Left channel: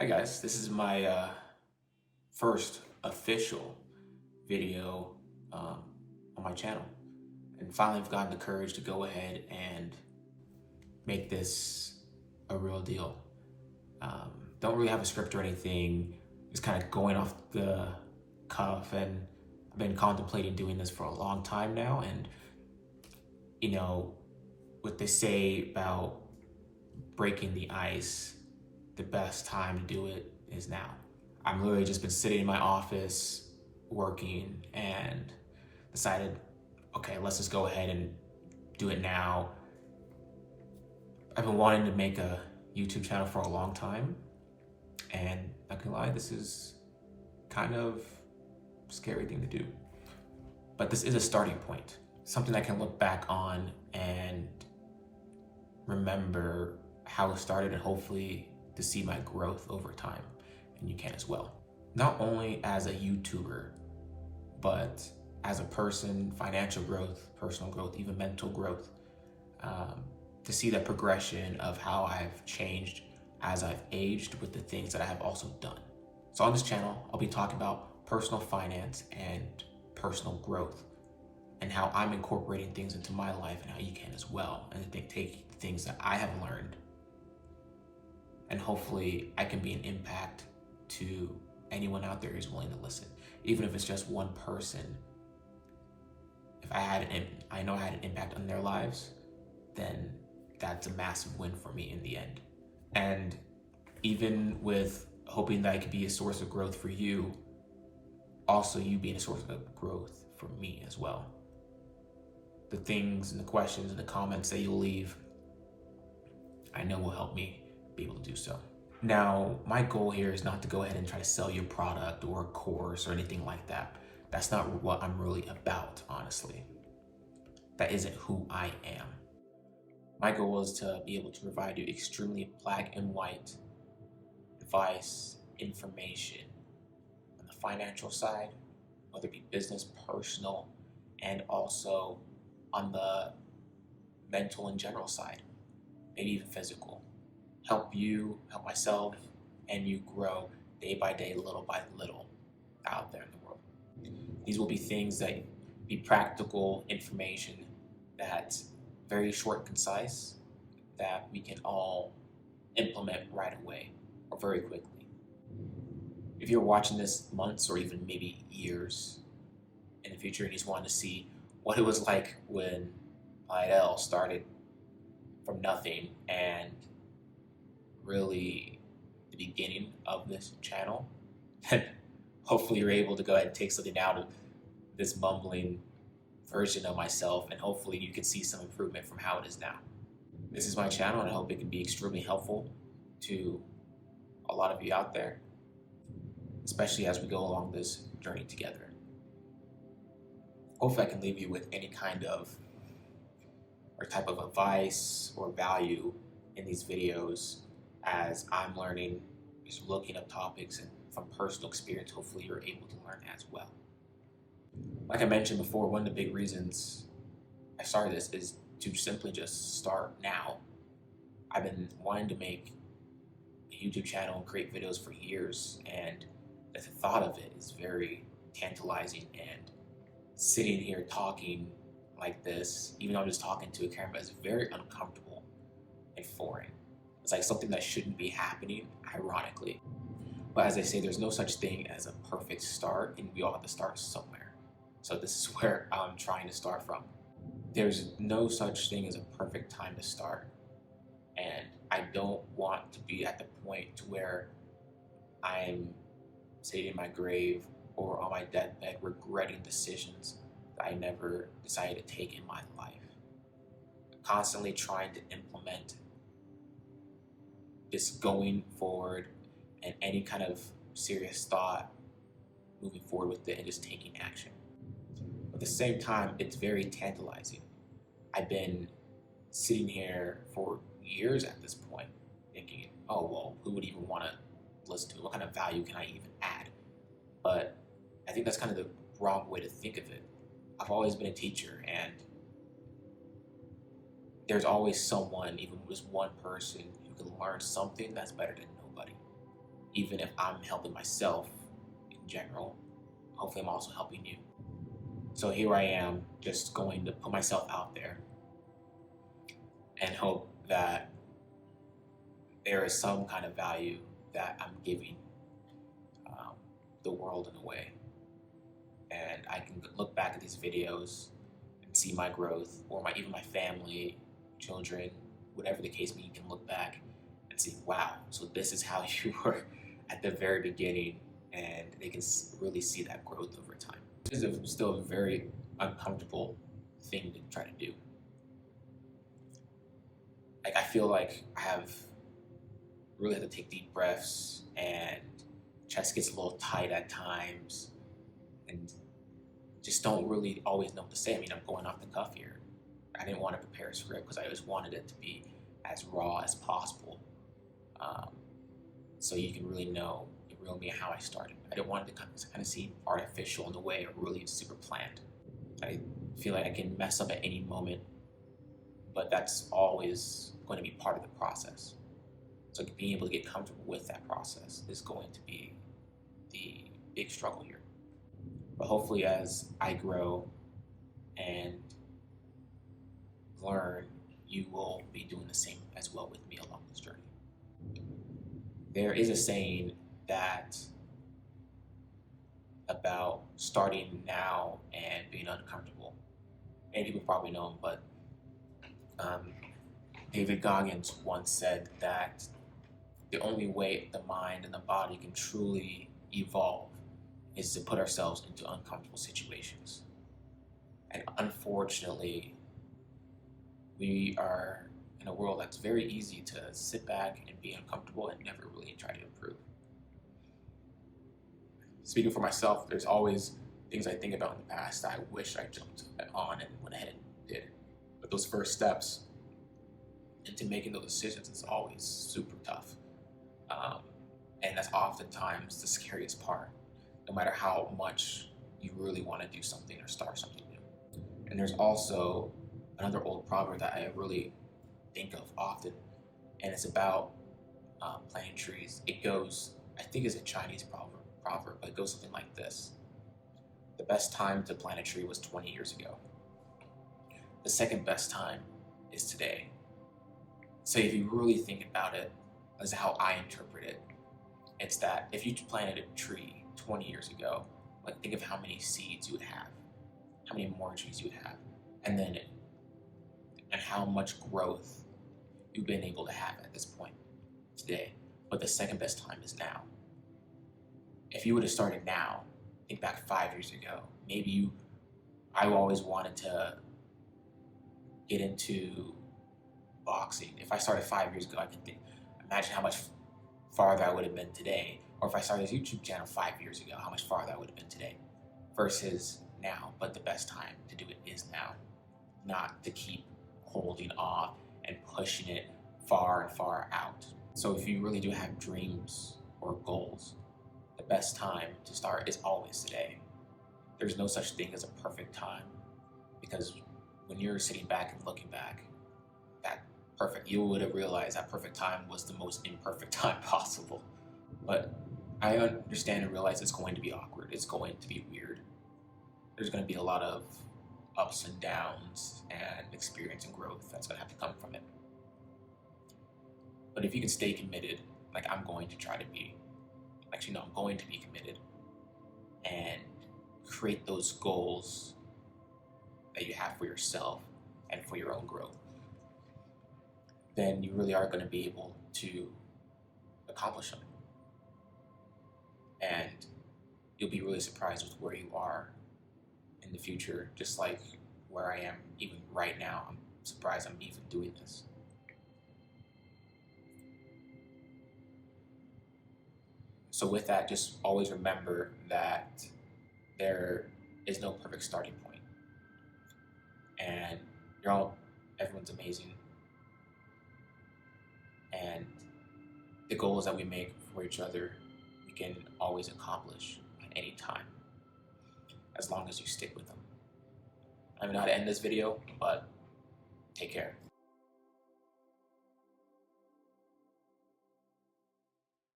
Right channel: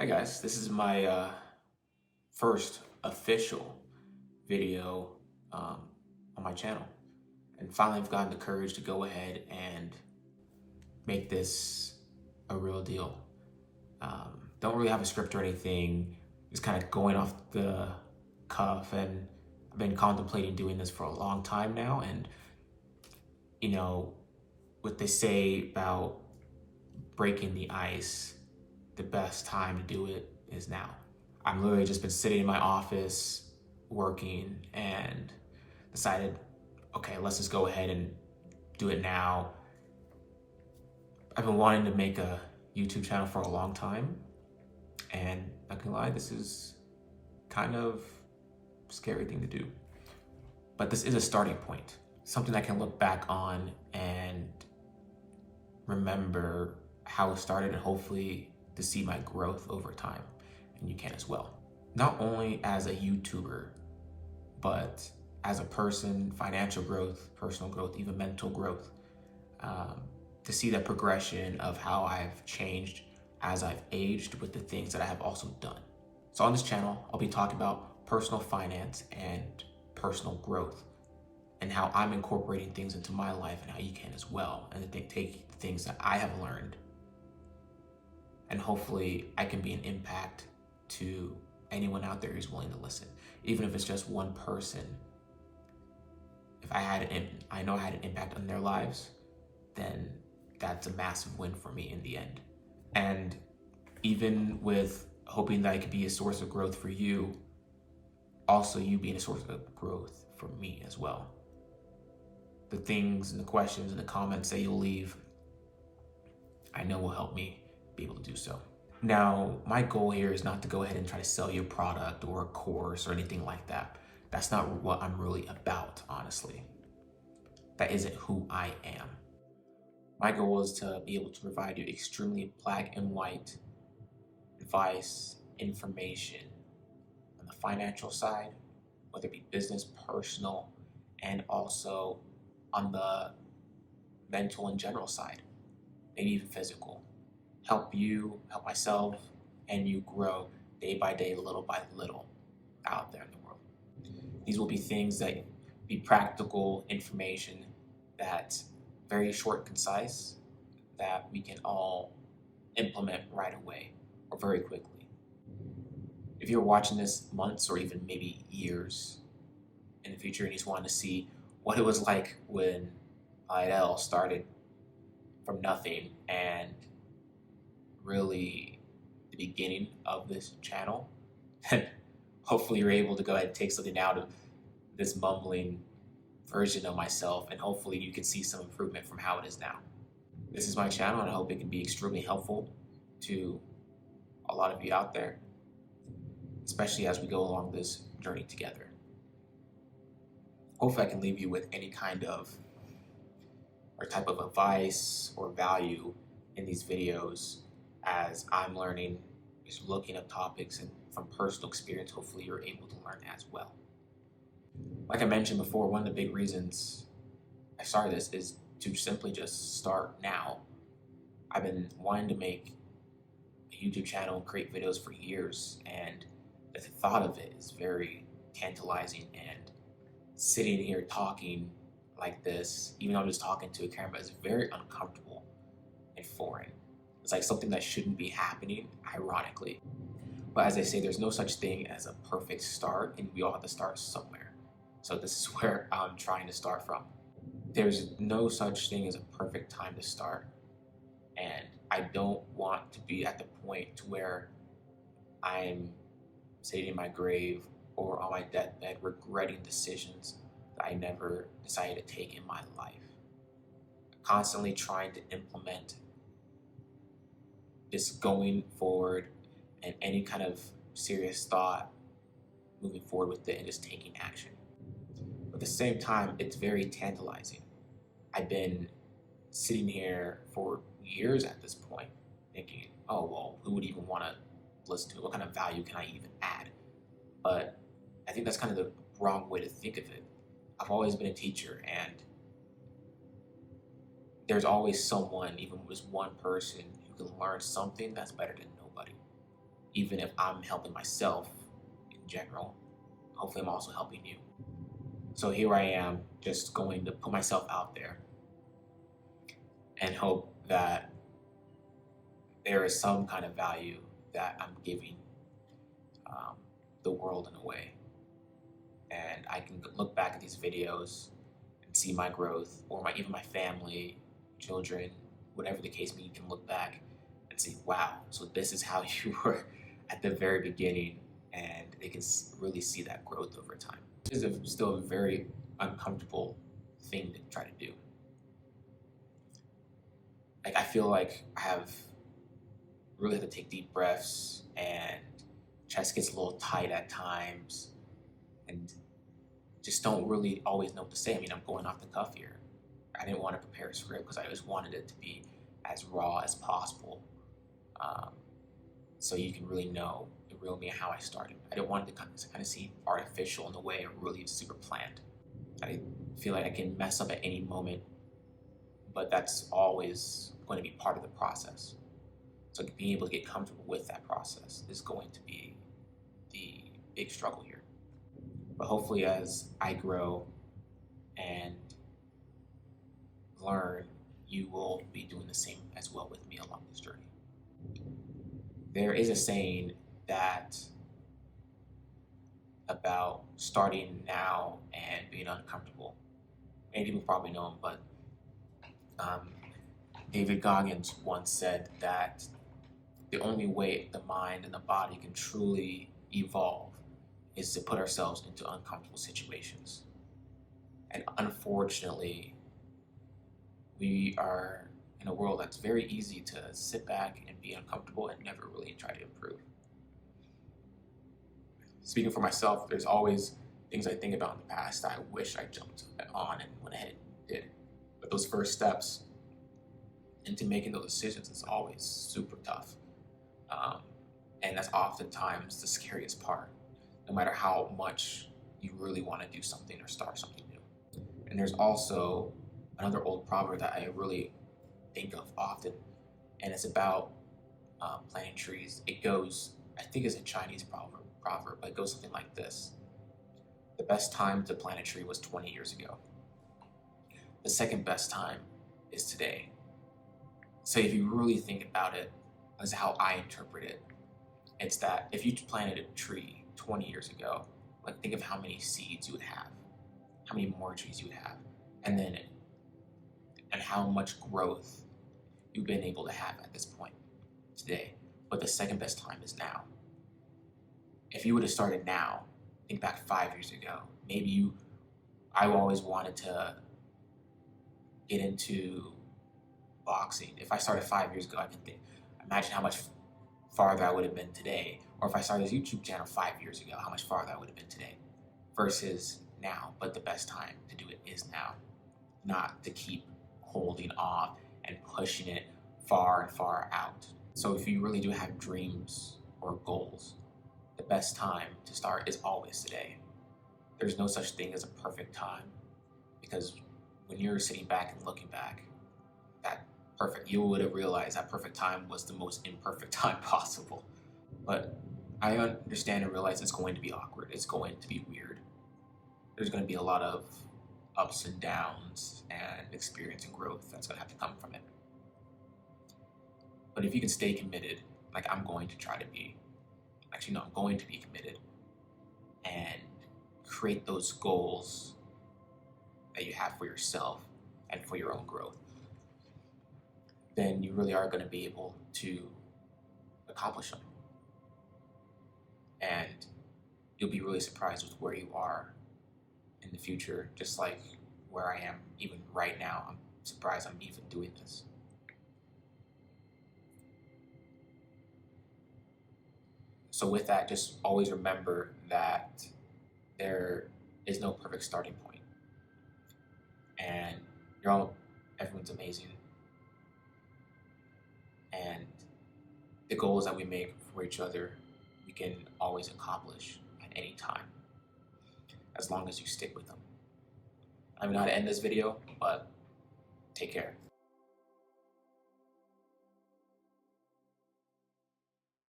Hi guys, this is my first official video on my channel, and finally I've gotten the courage to go ahead and make this a real deal. Don't really have a script or anything, just kind of going off the cuff, and I've been contemplating doing this for a long time now. And you know what they say about breaking the ice, the best time to do it is now. I'm literally just been sitting in my office working and decided, okay, let's just go ahead and do it now. I've been wanting to make a YouTube channel for a long time, and not gonna lie, this is kind of a scary thing to do. But this is a starting point, something I can look back on and remember how it started, and hopefully to see my growth over time. And you can as well. Not only as a YouTuber, but as a person, financial growth, personal growth, even mental growth, to see the progression of how I've changed as I've aged with the things that I have also done. So on this channel, I'll be talking about personal finance and personal growth, and how I'm incorporating things into my life and how you can as well, and take things that I have learned, and hopefully I can be an impact to anyone out there who's willing to listen. Even if it's just one person, if I know I had an impact on their lives, then that's a massive win for me in the end. And even with hoping that I could be a source of growth for you, also you being a source of growth for me as well. The things and the questions and the comments that you'll leave, I know will help me be able to do so. Now, my goal here is not to go ahead and try to sell you a product or a course or anything like that. That's not what I'm really about, honestly. That isn't who I am. My goal is to be able to provide you extremely black and white advice, information on the financial side, whether it be business, personal, and also on the mental and general side, maybe even physical. Help you, help myself, and you grow day by day, little by little out there in the world. These will be things that be practical information that's very short and concise, that we can all implement right away or very quickly. If you're watching this months or even maybe years in the future and you just want to see what it was like when Lydell started from nothing, and really the beginning of this channel, then hopefully you're able to go ahead and take something out of this mumbling version of myself, and hopefully you can see some improvement from how it is now. This is my channel, and I hope it can be extremely helpful to a lot of you out there, especially as we go along this journey together. Hopefully I can leave you with any kind of or type of advice or value in these videos as I'm learning, just looking up topics, and from personal experience, hopefully you're able to learn as well. Like I mentioned before, one of the big reasons I started this is to simply just start now. I've been wanting to make a YouTube channel and create videos for years, and the thought of it is very tantalizing, and sitting here talking like this, even though I'm just talking to a camera, is very uncomfortable and foreign. It's like something that shouldn't be happening, ironically. But as they say, there's no such thing as a perfect start, and we all have to start somewhere. So this is where I'm trying to start from. There's no such thing as a perfect time to start, and I don't want to be at the point to where I'm sitting in my grave or on my deathbed regretting decisions that I never decided to take in my life. Constantly trying to implement just going forward and any kind of serious thought moving forward with it and just taking action. But at the same time, it's very tantalizing. I've been sitting here for years at this point thinking, oh, well, who would even want to listen to it? What kind of value can I even add? But I think that's kind of the wrong way to think of it. I've always been a teacher, and there's always someone, even just one person, who can learn something that's better than nobody. even if I'm helping myself in general, hopefully I'm also helping you. So here I am, just going to put myself out there and hope that there is some kind of value that I'm giving the world in a way. And I can look back at these videos and see my growth, or even my family, children, whatever the case may be. You can look back and see, wow, so this is how you were at the very beginning, and they can really see that growth over time. This is still a very uncomfortable thing to try to do. Like, I feel like I have really had to take deep breaths, and chest gets a little tight at times, and just don't really always know what to say. I mean, I'm going off the cuff here. I didn't want to prepare a script because I just wanted it to be as raw as possible, so you can really know the real me and how I started. I didn't want it to kind of seem artificial in a way, or really super planned. I feel like I can mess up at any moment, but that's always going to be part of the process. So being able to get comfortable with that process is going to be the big struggle here. But hopefully as I grow and learn, you will be doing the same as well with me along this journey. There is a saying that about starting now and being uncomfortable. Many people probably know him, but David Goggins once said that the only way the mind and the body can truly evolve is to put ourselves into uncomfortable situations. And unfortunately, we are in a world that's very easy to sit back and be uncomfortable and never really try to improve. Speaking for myself, there's always things I think about in the past that I wish I jumped on and went ahead and did. But those first steps into making those decisions is always super tough. And that's oftentimes the scariest part, no matter how much you really want to do something or start something new. And there's also another old proverb that I really think of often, and it's about planting trees. It goes, I think it's a Chinese proverb, but it goes something like this. The best time to plant a tree was 20 years ago. The second best time is today. So if you really think about it, as how I interpret it, it's that if you planted a tree 20 years ago, like, think of how many seeds you would have, how many more trees you would have, and how much growth you've been able to have at this point today. But the second best time is now. If you would have started now, think back 5 years ago, I always wanted to get into boxing. If I started 5 years ago, I can imagine how much farther I would have been today. Or if I started this YouTube channel 5 years ago, how much farther I would have been today versus now. But the best time to do it is now, not to keep holding off and pushing it far and far out. So if you really do have dreams or goals, the best time to start is always today. There's no such thing as a perfect time, because when you're sitting back and looking back, you would have realized that perfect time was the most imperfect time possible. But I understand and realize it's going to be awkward. It's going to be weird. There's going to be a lot of ups and downs and experience and growth that's going to have to come from it. But if you can stay committed, like I'm going to try to be, I'm going to be committed and create those goals that you have for yourself and for your own growth, then you really are going to be able to accomplish them. And you'll be really surprised with where you are in the future, just like where I am even right now. I'm surprised I'm even doing this. So with that, just always remember that there is no perfect starting point. And everyone's amazing. And the goals that we make for each other, we can always accomplish at any time, as long as you stick with them. I don't know how to end this video, but take care.